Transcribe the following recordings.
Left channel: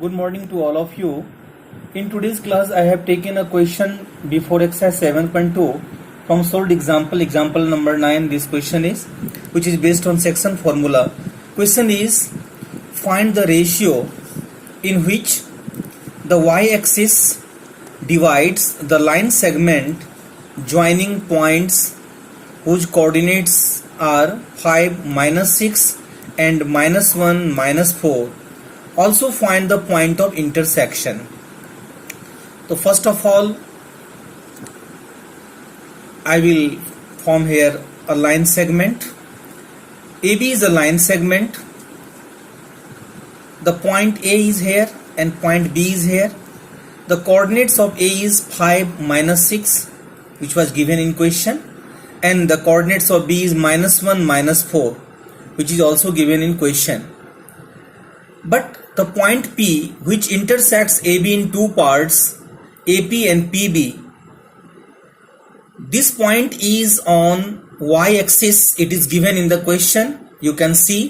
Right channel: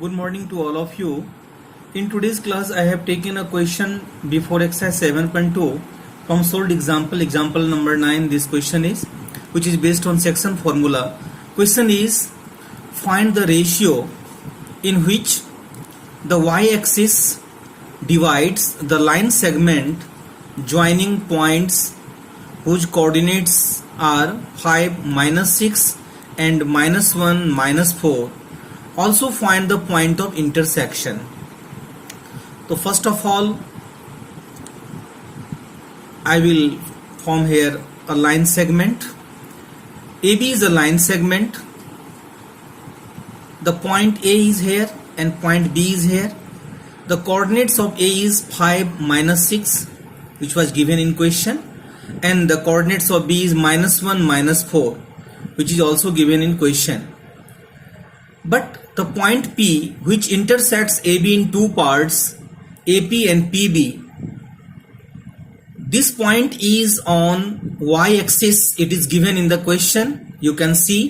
Good morning to all of you. In today's class, I have taken a question before exercise 7.2 from solved example number 9. This question is, which is based on section formula. Question is, find the ratio in which the y-axis divides the line segment joining points whose coordinates are 5, -6 and -1, -4. Also find the point of intersection. So first of all, I will form here a line segment. AB is a line segment. The point A is here and point B is here. The coordinates of A is 5, -6, which was given in question, and the coordinates of B is -1, -4, which is also given in question. But the point P, which intersects AB in two parts, AP and PB, this point is on y-axis. It is given in the question. You can see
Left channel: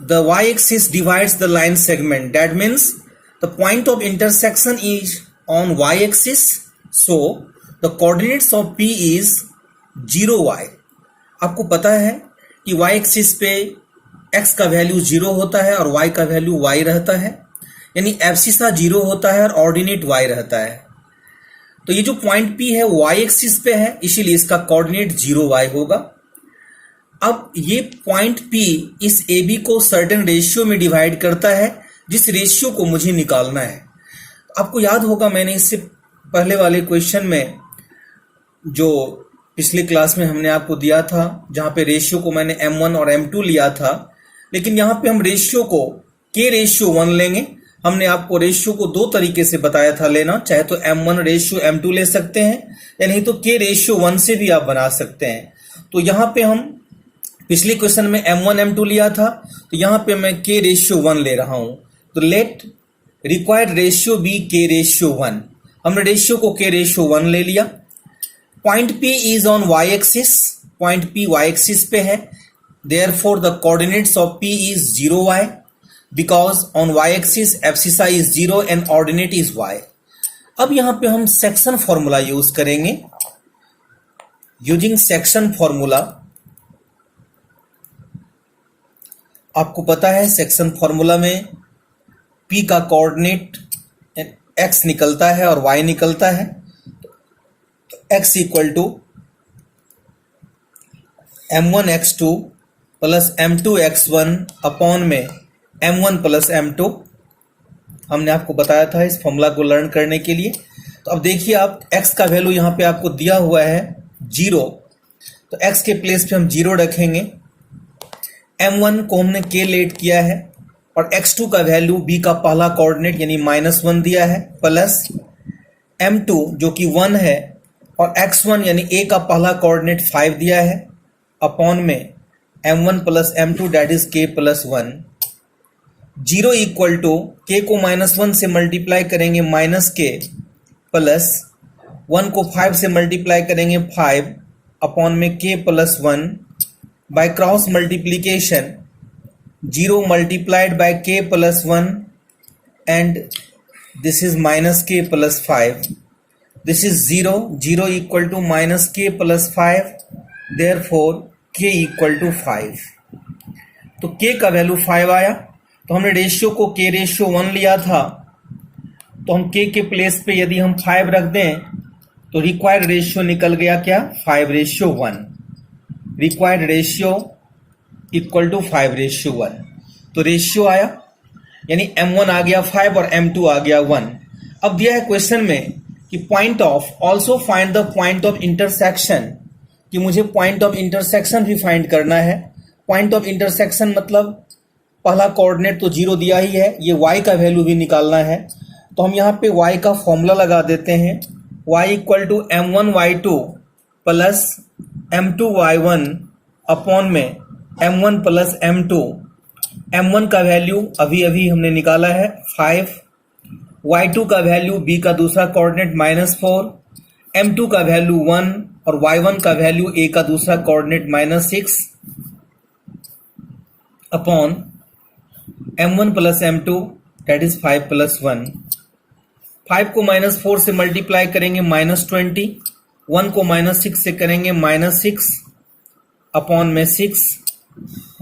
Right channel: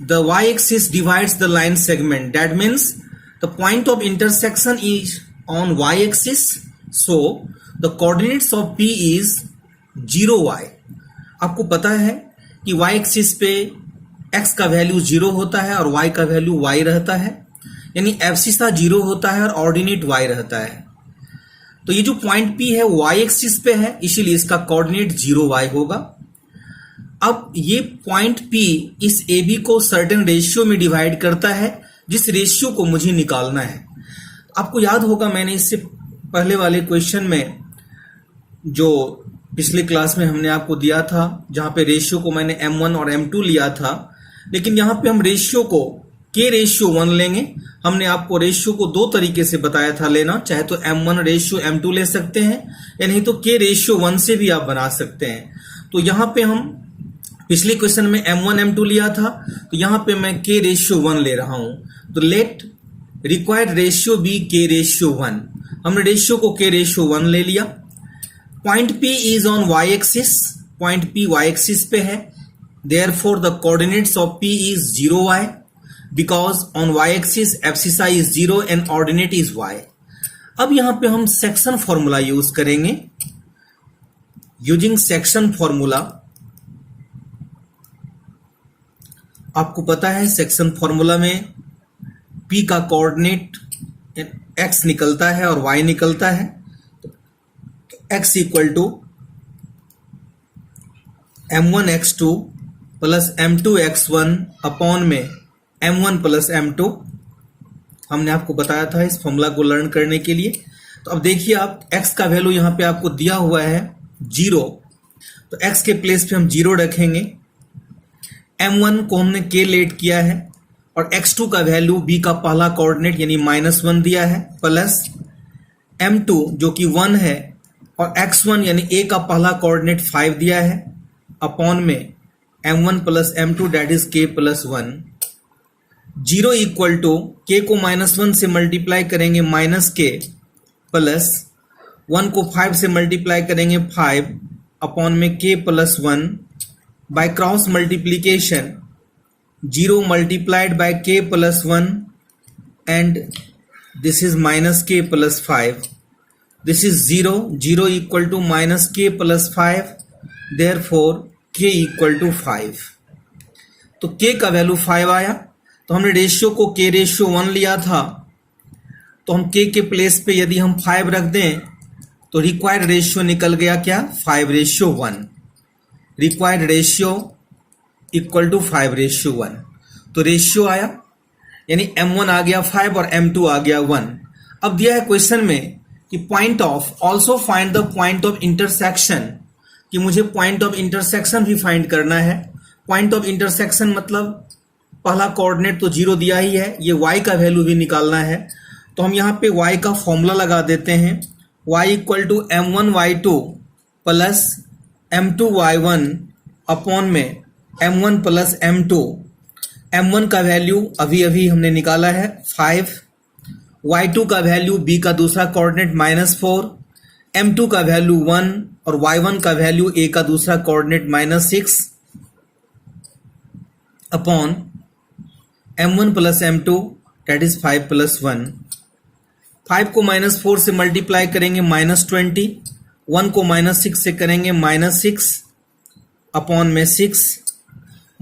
the y-axis divides the line segment. That means the point of intersection is on y-axis. So the coordinates of P is 0y. आपको पता है कि y-axis पे x का value 0 होता है और y का वैल्यू y रहता है, यानी एब्सिसा 0 होता है और ऑर्डिनेट y रहता है. तो ये जो पॉइंट P है y एक्सिस पे है, इसीलिए इसका कोऑर्डिनेट 0y होगा. अब ये पॉइंट P इस AB को सर्टेन रेशियो में डिवाइड करता है, जिस रेशियो को मुझे निकालना है. आपको याद होगा मैंने इससे पहले वाले क्वेश्चन में जो पिछले क्लास में हमने आपको दिया था, जहां पे रेशियो को मैंने m1 और m2 लिया था, लेकिन यहां पे हम रेशियो को k रेशियो 1 लेंगे. हमने आपको रेशियो को दो तरीके से बताया था लेना, चाहे तो m1 रेशियो m2 ले सकते हैं या नहीं तो k रेशियो 1 से भी आप बना सकते हैं. तो यहां पे हम पिछले क्वेश्चन में m1 m2 लिया था, तो यहां पे मैं k रेशियो 1 ले रहा हूं. तो let required ratio be k ratio 1. हमने रेशियो को k रेशियो 1 ले लिया. Point P is on y-axis. Point P y-axis पे है. Therefore, the coordinates of P is 0y because on y-axis abscissa is 0 and ordinate is y. अब यहां पे हम सेक्शन फॉर्मूला यूज करेंगे. यूजिंग सेक्शन फॉर्मूला, आपको पता है सेक्शन फॉर्मूला में P का कोऑर्डिनेट x निकलता है और y निकलता है. x equal to m1 x2 plus m2 x1 upon में m1 प्लस m2. हमने आपको बताया था इस फॉर्मूला को लर्न करने के लिए. तो अब देखिए आप x का वैल्यू यहां पे आपको दिया हुआ है 0, तो x के प्लेस पे हम 0 रखेंगे. m1 को हमने k लेट किया है और x2 का वैल्यू b का पहला कोऑर्डिनेट यानी -1 दिया है, प्लस m2 जो कि 1 है और x1 यानी a का पहला कोऑर्डिनेट 5 दिया है, अपॉन में m1 plus m2 that is k plus 1. 0 equal to k को -1 से मल्टीप्लाई करेंगे -k, प्लस 1 को 5 से मल्टीप्लाई करेंगे 5, अपॉन में k plus 1. By cross multiplication 0 multiplied by k plus 1 and this is -k plus 5. This is 0. 0 equal to -k plus 5. Therefore, k equal to 5. तो k का value 5 आया. तो हमने रेशियो को k रेशियो 1 लिया था, तो हम k के प्लेस पे यदि हम 5 रख दें तो रिक्वायर्ड रेशियो निकल गया क्या, 5 ratio 1. Required ratio equal to 5 ratio 1. तो रेशियो आया यानी m1 आ गया 5 और m2 आ गया 1. अब दिया है क्वेश्चन में कि point of also find the point of intersection, कि मुझे पॉइंट ऑफ इंटरसेक्शन भी फाइंड करना है. पॉइंट ऑफ इंटरसेक्शन मतलब पहला कोऑर्डिनेट तो 0 दिया ही है, ये y का वैल्यू भी निकालना है. तो हम यहाँ पे y का फॉर्मूला लगा देते हैं. y equal to m1 y2 plus m2 y1 upon में m1 प्लस m2. m1 का वैल्यू अभी अभी हमने निकाला है 5, y2 का वैल्यू b का दूसरा कोऑर्डिनेट -4, m2 का वैल्यू 1 और y1 का वैल्यू a का दूसरा coordinate -6 upon m1 plus m2 that is 5 plus 1। 5 को -4 से मल्टीप्लाई करेंगे -20, 1 को -6 से करेंगे -6 अपॉन में 6,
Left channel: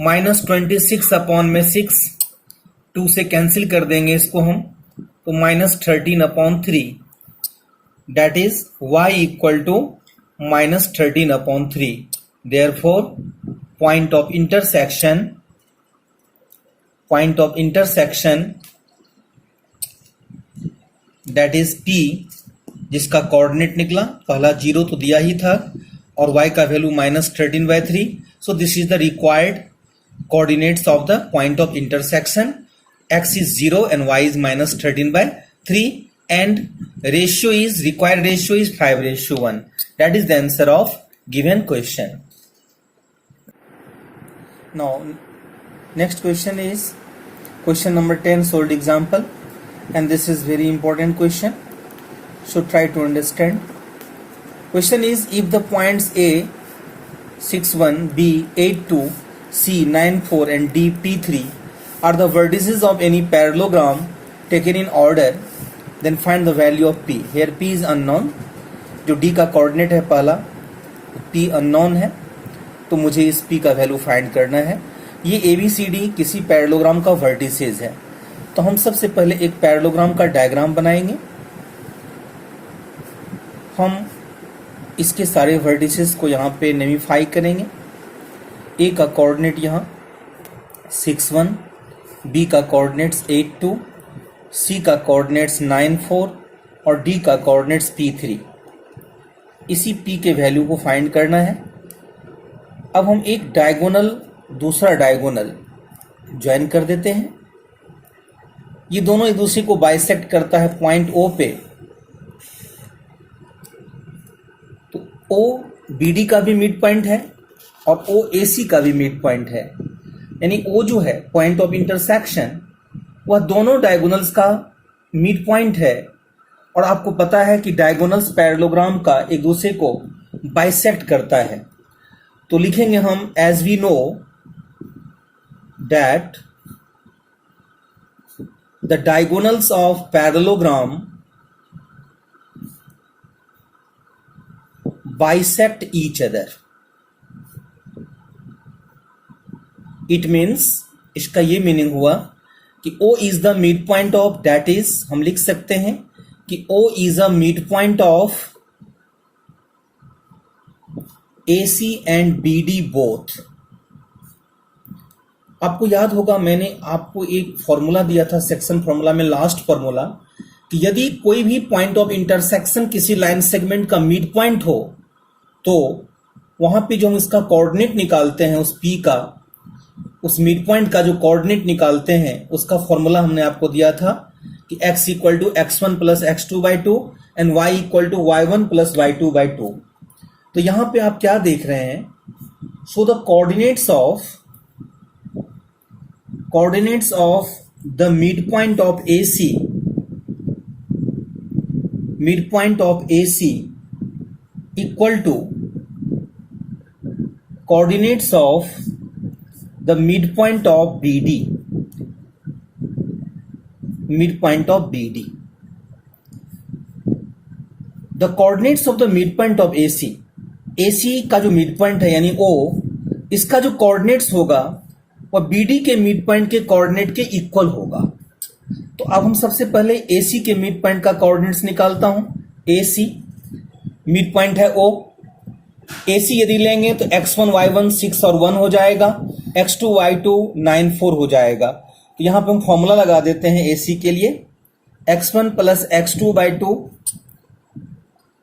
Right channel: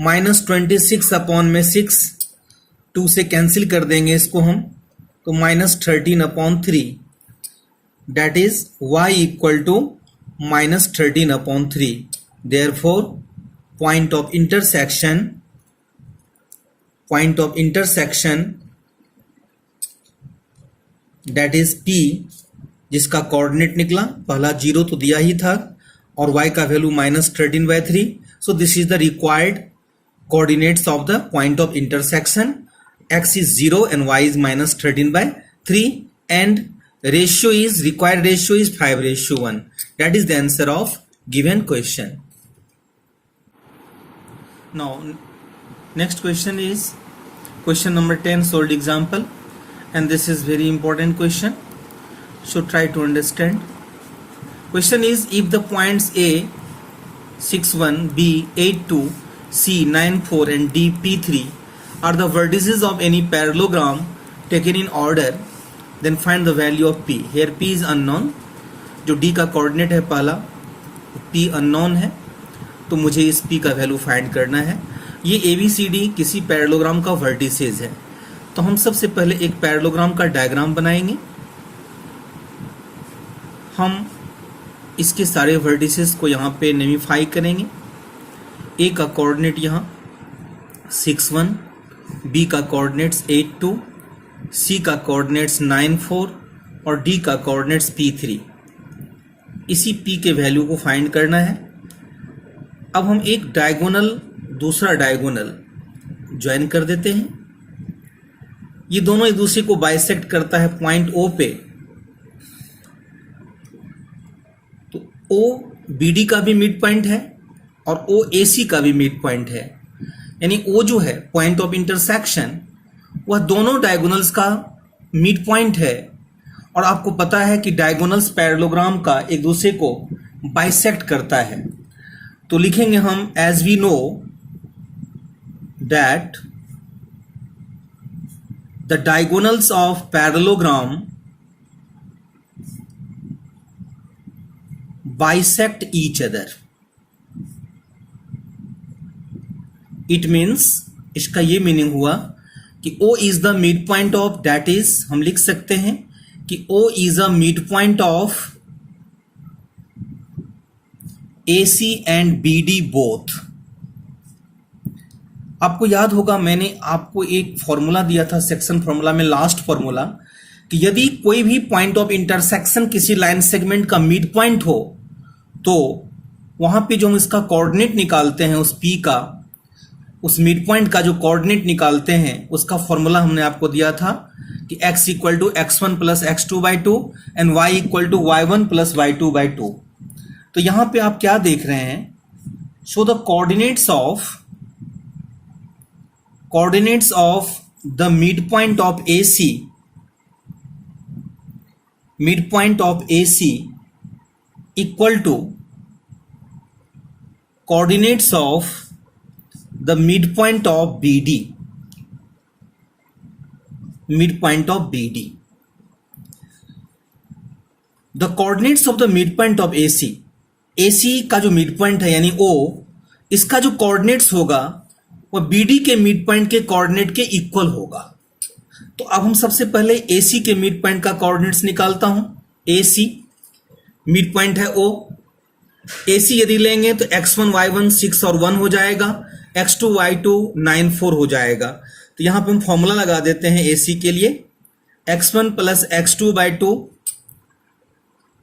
-26 अपॉन में 6, 2 से कैंसिल कर देंगे इसको हम, तो -13 upon 3, that is y equal to -13 upon 3। Therefore point of intersection that is P, जिसका कोऑर्डिनेट निकला, पहला 0 तो दिया ही था और y का value -13/3, so this is the required coordinates of the point of intersection. X is 0 and y is -13/3 and required ratio is 5:1. That is the answer of given question. Now next question is question number 10 solved example, and this is very important question, so try to understand. Question is, if the points A 6,1, B 8,2, C 9,4 and D P3 are the vertices of any parallelogram taken in order, then find the value of P. Here P is unknown, जो D का coordinate है पहला, P unknown है, तो मुझे इस P का value find करना है। ये ABCD किसी पैरेललोग्राम का वर्टिसेस है, तो हम सबसे पहले एक पैरेललोग्राम का डायग्राम बनाएंगे। हम इसके सारे वर्टिसेस को यहाँ पे नेमिफाई करेंगे। ए का कोऑर्डिनेट यहाँ 6,1, बी का कोऑर्डिनेट्स 8,2, सी का कोऑर्डिनेट्स 9,4 और डी का कोऑर्डिनेट्स P3। इसी P के वैल्यू को फाइंड करना है। अब हम एक डायगोनल दूसरा डायगोनल ज्वाइन कर देते हैं। ये दोनों एक दूसरे को बाइसेक्ट करता है पॉइंट O पे, तो O BD का भी मिड पॉइंट है और O AC का भी मिड पॉइंट है, यानी O जो है पॉइंट ऑफ इंटरसेक्शन, वह दोनों डायगोनल्स का मिड पॉइंट है। और आपको पता है कि डायगोनल्स पैरेललोग्राम का एक दूसरे को बाइसेक्ट करता है, तो लिखेंगे हम as we know that the diagonals of parallelogram bisect each other. It means, इसका ये मीनिंग हुआ कि O is the mid point of, that is हम लिख सकते हैं कि O is a mid point of AC and BD both. आपको याद होगा मैंने आपको एक फॉर्मूला दिया था सेक्शन फॉर्मूला में, लास्ट फॉर्मूला, कि यदि कोई भी पॉइंट ऑफ इंटरसेक्शन किसी लाइन सेगमेंट का मिड पॉइंट हो, तो वहां पे जो हम इसका कोऑर्डिनेट निकालते हैं उस P का, उस मिड पॉइंट का जो कोऑर्डिनेट निकालते हैं, उसका फॉर्मूला हमने आपको दिया था कि x equal to x1 plus x2/2 and y equal to y1 plus y2/2। तो यहां पे आप क्या देख रहे हैं, so the coordinates of the mid point of AC equal to coordinates of the midpoint of BD, the coordinates of the midpoint of AC का जो midpoint है यानी O, इसका जो coordinates होगा वह BD के midpoint के coordinate के equal होगा। तो अब हम सबसे पहले AC के midpoint का coordinates निकालता हूं। AC midpoint है O, AC यदि लेंगे तो x1 y1 6 और 1 हो जाएगा, x2 y2 9 4 हो जाएगा। तो यहां पे हम फॉर्मूला लगा देते हैं AC के लिए, x1 प्लस x2/2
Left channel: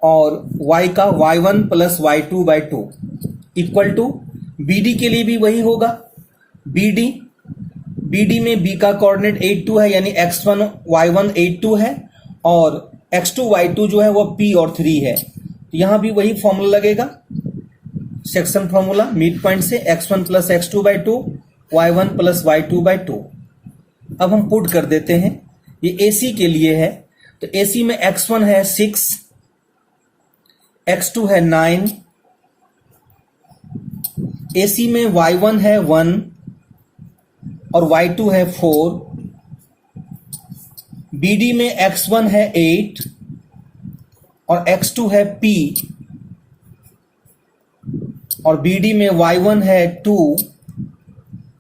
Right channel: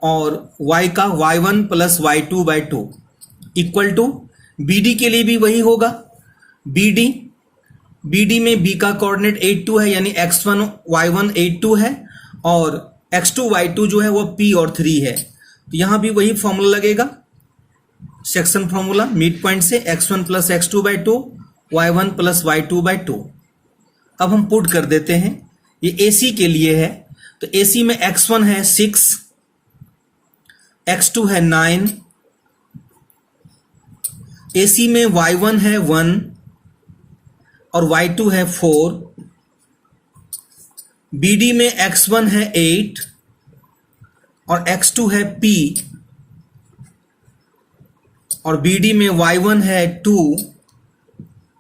और y का y1 plus y2/2 equal to BD के लिए भी वही होगा। BD में B का कोऑर्डिनेट 8,2 है, यानी x1 y1 8,2 है और x2 y2 जो है वह P और 3 है। तो यहां भी वही फॉर्मूला लगेगा, सेक्शन फॉर्मूला मिड पॉइंट से x1 plus x2/2 y1 plus y2/2। अब हम पुट कर देते हैं, ये AC के लिए है, तो AC में x1 है 6, x2 है 9, AC में y1 है 1, और y2 है 4, BD में x1 है 8 और x2 है p, और BD में y1 है 2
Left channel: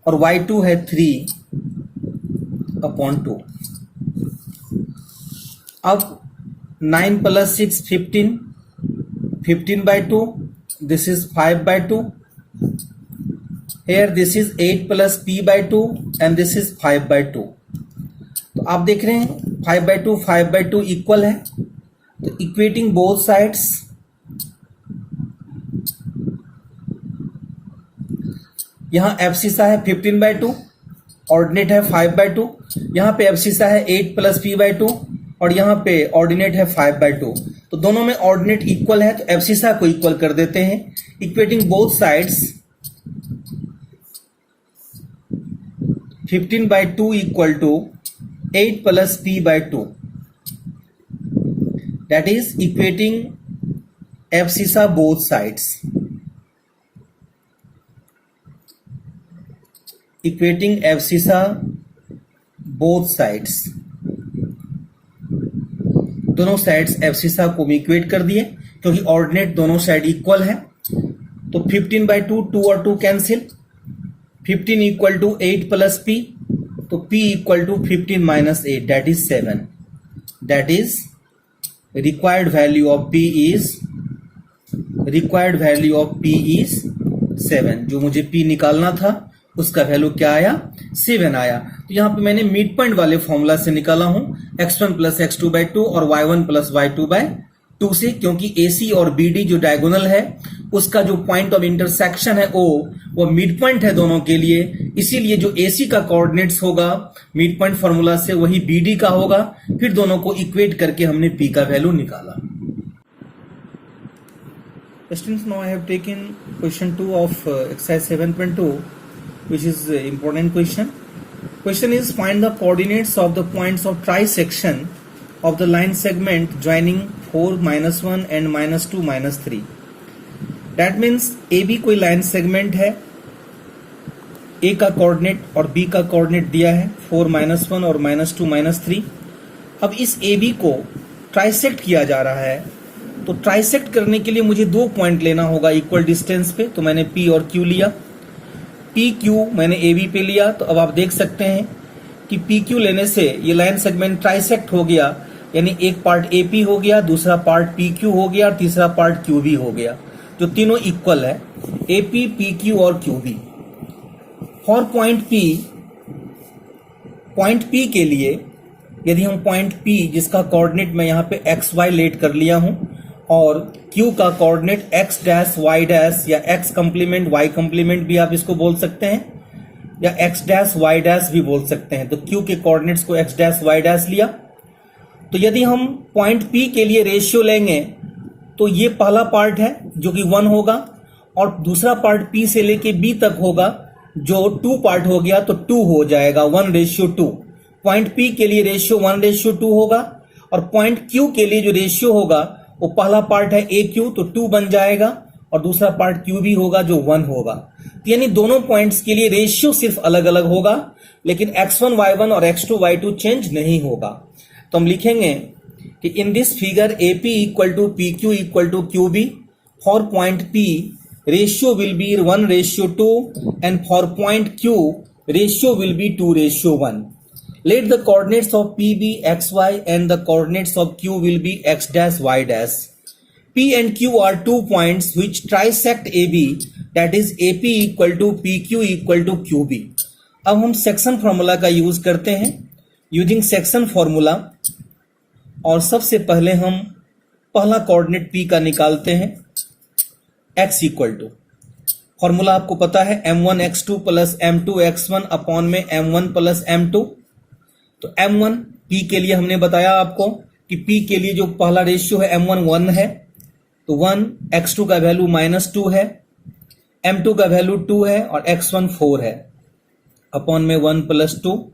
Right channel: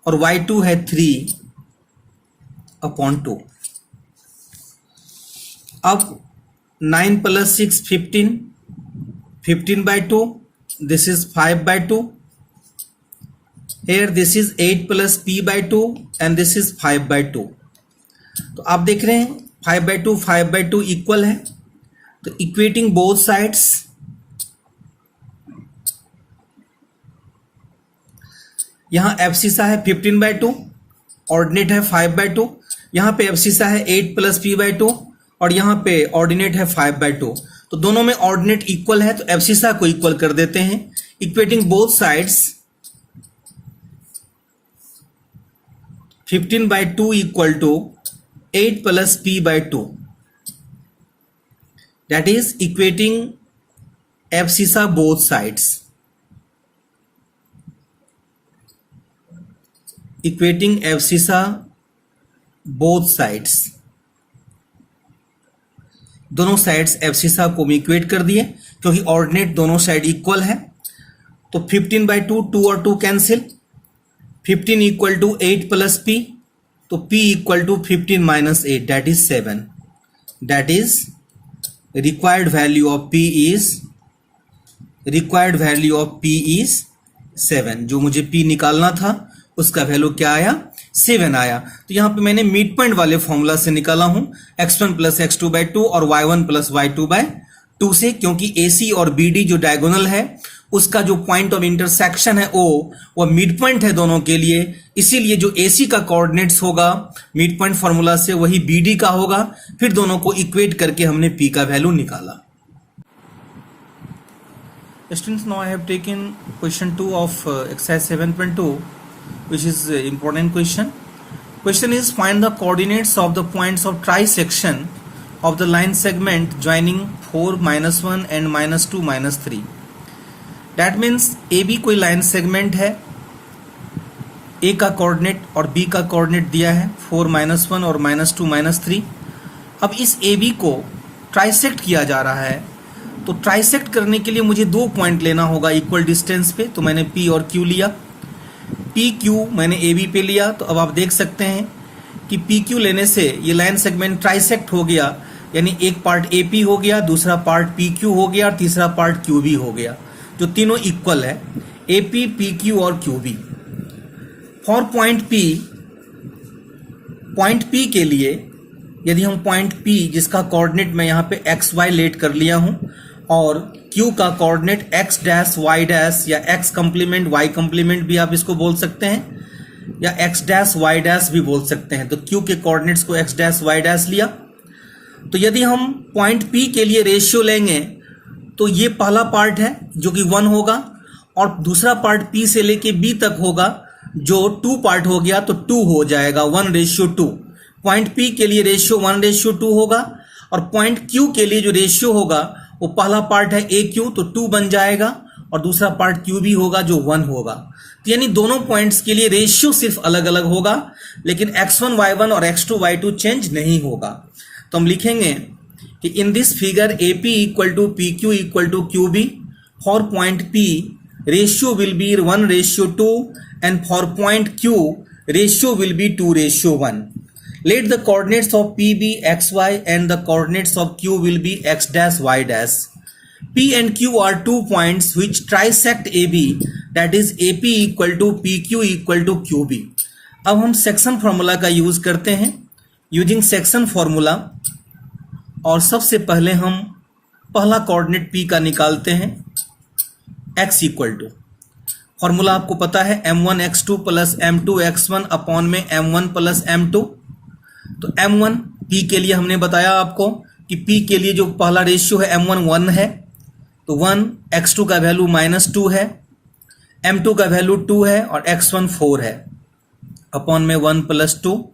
और y2 है 3/2। अब 9 + 6 15, 15/2, this is 5/2, here this is 8 + p/2 and this is 5/2। तो आप देख रहे हैं 5/2 5/2 इक्वल है, तो इक्वेटिंग बोथ साइड्स, यहां एब्सिसा है 15/2, ऑर्डिनेट है 5/2, यहां पे एब्सिसा है 8 + p/2 और यहां पे ऑर्डिनेट है 5/2। तो दोनों में ऑर्डिनेट इक्वल है, तो एब्सिसा को इक्वल कर देते हैं। Equating both sides, 15/2 = 8 + p/2, that is equating abscissa both sides, equating abscissa both sides, दोनों साइड्स एब्सिसा को इक्वेट कर दिए क्योंकि ऑर्डिनेट दोनों साइड इक्वल है। तो 15/2 2 और 2 कैंसिल, 15 = 8 + p, तो p = 15 - 8, that is 7, that is required value of p is 7। जो मुझे p निकालना था उसका वैल्यू क्या आया, 7 आया। तो यहां पे मैंने मिड पॉइंट वाले फॉर्मूला से निकाला हूं, x1 + x2/2 और y1 + y2/2 से, क्योंकि AC और BD जो डायगोनल है उसका जो पॉइंट ऑफ इंटरसेक्शन है O, वो मिड पॉइंट है दोनों के लिए, इसीलिए जो AC का कोऑर्डिनेट्स होगा मिड पॉइंट फॉर्मूला से वही BD का होगा। फिर दोनों को इक्वेट करके हमने P का वैल्यू निकाला। Students, now I have taken question 2 of exercise 7.2, which is important question. Question is, find the coordinates of the points of trisection of the line segment joining 4 - 1 and -2 - 3. That means AB कोई line segment है, A का coordinate और B का coordinate दिया है 4 - 1 और -2 - 3। अब इस AB को ट्राइसेक्ट किया जा रहा है, तो ट्राइसेक्ट करने के लिए मुझे दो पॉइंट लेना होगा इक्वल डिस्टेंस पे, तो मैंने P और Q लिया। PQ मैंने AB पे लिया, तो अब आप देख सकते हैं कि PQ लेने से ये लाइन सेगमेंट ट्राइसेक्ट हो गया, यानी एक पार्ट AP हो गया, दूसरा पार्ट PQ हो गया और तीसरा पार्ट QB हो गया, जो तीनों इक्वल है, AP, PQ और QB। फॉर पॉइंट P के लिए यदि हम पॉइंट P जिसका कोऑर्डिनेट मैं यहाँ पे XY लेट कर लिया हूं और Q का coordinate x dash y dash या x कंप्लीमेंट y कंप्लीमेंट भी आप इसको बोल सकते हैं, या x डैश y डैश भी बोल सकते हैं। तो Q के कोऑर्डिनेट्स को x डैश y डैश लिया। तो यदि हम पॉइंट P के लिए रेशियो लेंगे तो ये पहला पार्ट है जो कि 1 होगा, और दूसरा पार्ट P से लेके B तक होगा जो 2 पार्ट हो गया, तो 2 हो जाएगा 1:2। पॉइंट P के लिए रेशियो 1:2 होगा, और पॉइंट Q के लिए जो रेशियो होगा वो पहला पार्ट है AQ, तो 2 बन जाएगा, और दूसरा पार्ट QB होगा जो 1 होगा। तो यानी दोनों पॉइंट्स के लिए रेशियो सिर्फ अलग अलग होगा, लेकिन x1 y1 और x2 y2 चेंज नहीं होगा। तो हम लिखेंगे कि in this figure AP = PQ = QB, for point P ratio will be 1:2 and for point Q ratio will be 2:1। Let the coordinates of P be xy and the coordinates of Q will be x dash y dash. P and Q are 2 points which trisect AB, that is AP = PQ = QB. अब हम section formula का use करते हैं, using section formula, और सबसे पहले हम पहला कोऑर्डिनेट P का निकालते हैं, x = फॉर्मूला आपको पता है m1x2 + m2x1 अपॉन में m1 + m2। तो m1 P के लिए हमने बताया आपको कि P के लिए जो पहला रेशियो है m1 1 है, तो 1, x2 का वैल्यू -2 है, m2 का वैल्यू 2 है और x1 4 है, अपॉन में 1 + 2,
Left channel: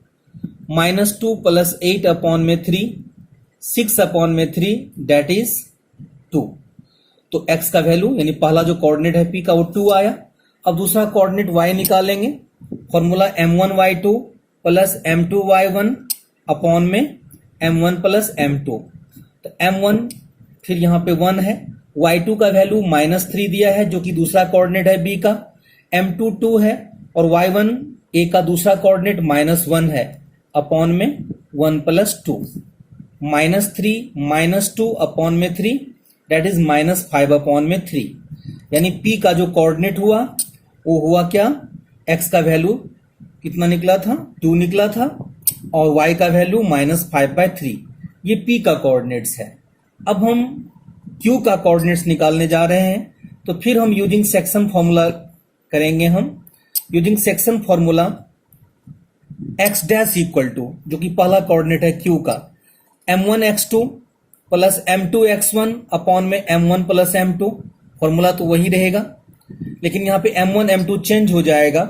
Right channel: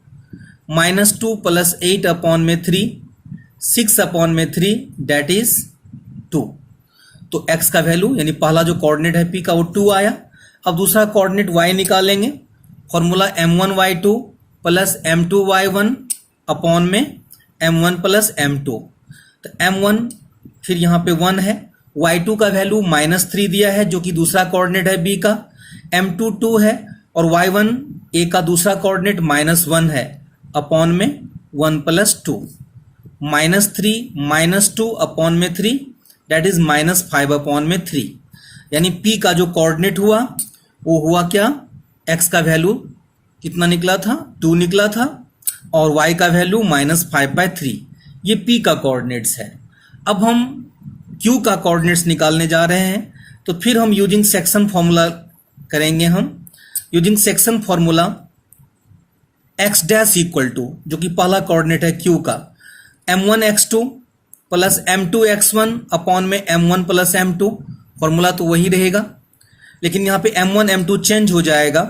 -2 + 8 अपॉन में 3, 6 अपॉन में 3, दैट इज 2। तो x का वैल्यू यानी पहला जो कोऑर्डिनेट है P का वो 2 आया। अब दूसरा कोऑर्डिनेट y निकालेंगे, formula m1y2 plus m2y1 upon में m1 प्लस m2। तो m1 फिर यहाँ पे 1 है, y2 का वैल्यू -3 दिया है जो कि दूसरा कोऑर्डिनेट है b का, m2 2 है और y1 a का दूसरा कोऑर्डिनेट -1 है अपॉन में 1 प्लस 2। -3 -2 अपॉन में 3 दैट इज -5 अपॉन में 3। यानी p का जो कोऑर्डिनेट हुआ वो हुआ क्या, x का वैल्यू कितना निकला था 2 निकला था और y का वैल्यू -5/3। ये p का कोऑर्डिनेट्स है। अब हम q का कोऑर्डिनेट्स निकालने जा रहे हैं, तो फिर हम यूजिंग सेक्शन फॉर्मूला करेंगे। हम using section formula x dash equal to, जो कि पहला कोऑर्डिनेट है q का, m1x2 प्लस m2x1 अपॉन में m1 प्लस m2। फॉर्मूला तो वही रहेगा, लेकिन यहाँ पे m1 m2 चेंज हो जाएगा।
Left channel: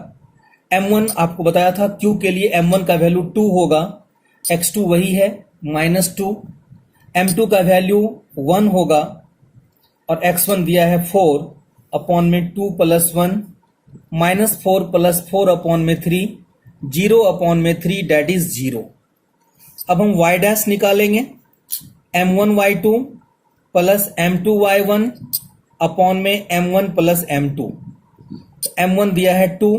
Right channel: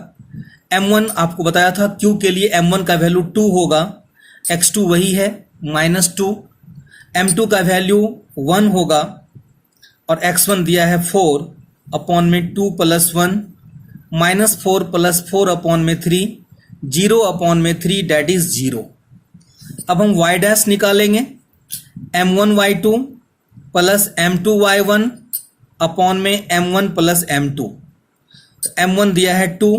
m1 आपको बताया था q के लिए m1 का वैल्यू 2 होगा, x2 वही है -2, m2 का वैल्यू 1 होगा और x1 दिया है 4 अपॉन में 2 प्लस 1, -4 प्लस 4 अपॉन में 3, 0 अपॉन में 3 डैट इज 0। अब हम y डैश निकालेंगे, m1y2 प्लस m2y1 अपॉन में m1 प्लस m2। तो m1 दिया है 2,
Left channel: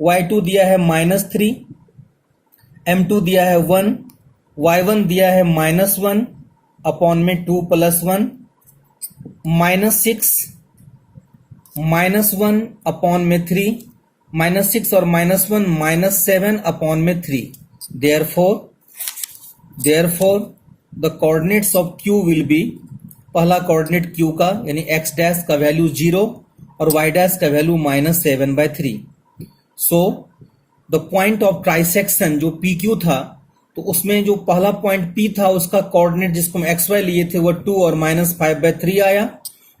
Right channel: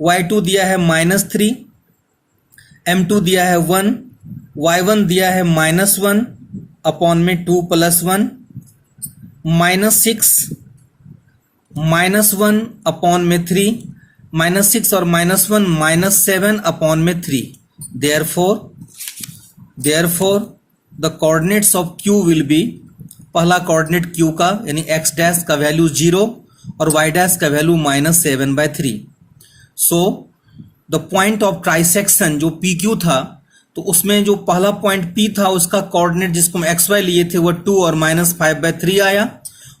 y2 दिया है -3, m2 दिया है 1, y1 दिया है -1 अपॉन में 2 प्लस 1, -6 -1 अपॉन में 3, -6 और -1 -7 अपॉन में 3। therefore the coordinates of q will be, पहला कोऑर्डिनेट q का यानी x डैश का वैल्यू 0 और y डैश का value -7/3। So the point of trisection जो PQ था, तो उसमें जो पहला पॉइंट P था उसका कोऑर्डिनेट जिसको हम XY लिए थे वह 2 और -5/3 आया,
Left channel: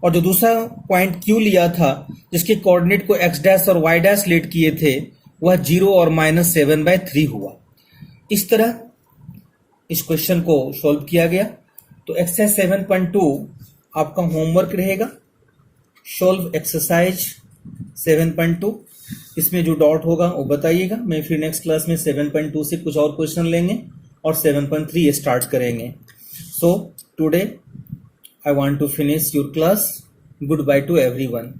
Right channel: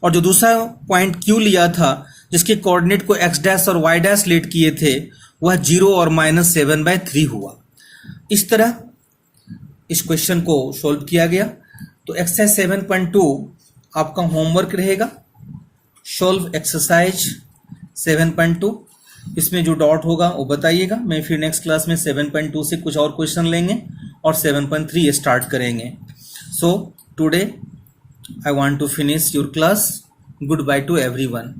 और जो दूसरा पॉइंट Q लिया था जिसके कोऑर्डिनेट को x डैश और y डैश लेट किए थे वह 0 और -7/3 हुआ। इस तरह इस क्वेश्चन को सॉल्व किया गया। तो एक्सरसाइज 7.2 आपका होमवर्क रहेगा, सॉल्व एक्सरसाइज 7.2। इसमें जो डाउट होगा वो बताइएगा। मैं फिर नेक्स्ट क्लास में 7.2 से कुछ और क्वेश्चन लेंगे और 7.3 स्टार्ट करेंगे। So today I want to finish your class. Good bye to everyone.